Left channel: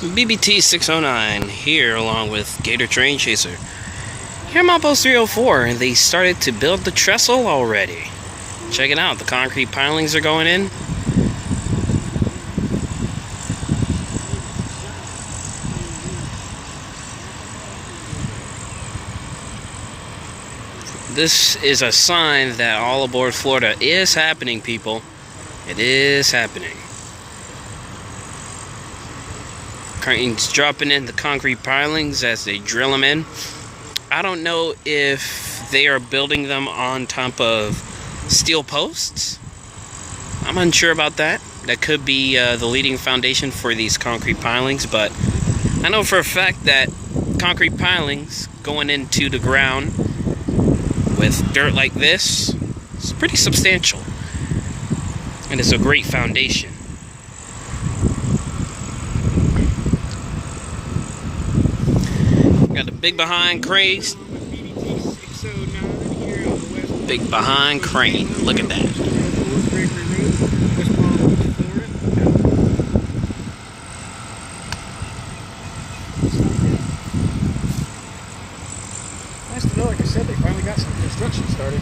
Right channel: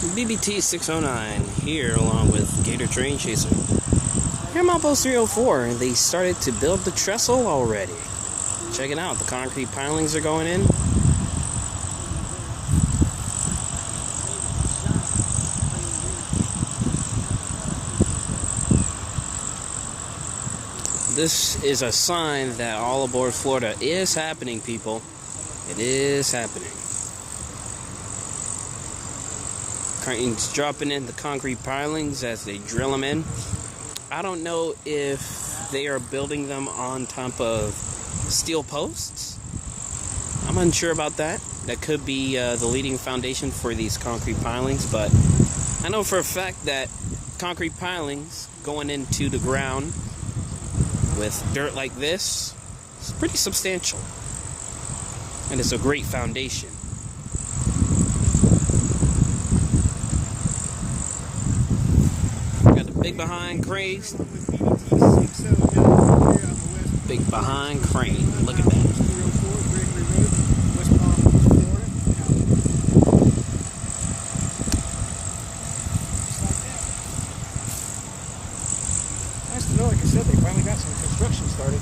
BBT 609 here along with Gator Train Chaser. Here I'm Outpost 304 and they started to build the trestle already. Check it out, the concrete pilings are going in. This is a sign that all aboard Florida is happening, people. It is happening. Cranes dropping in the concrete pilings as they drill them in. I don't know if they are building them on top of steel posts. I'm unsure about that. That could be the leading foundation for these concrete pilings, but I know for a fact that concrete pilings going into the ground with dirt like this is pretty substantial, and it's a great foundation. Got the big behind cranes. Big behind crane. Look at that. Nice to know, like I said, they finally got some construction started.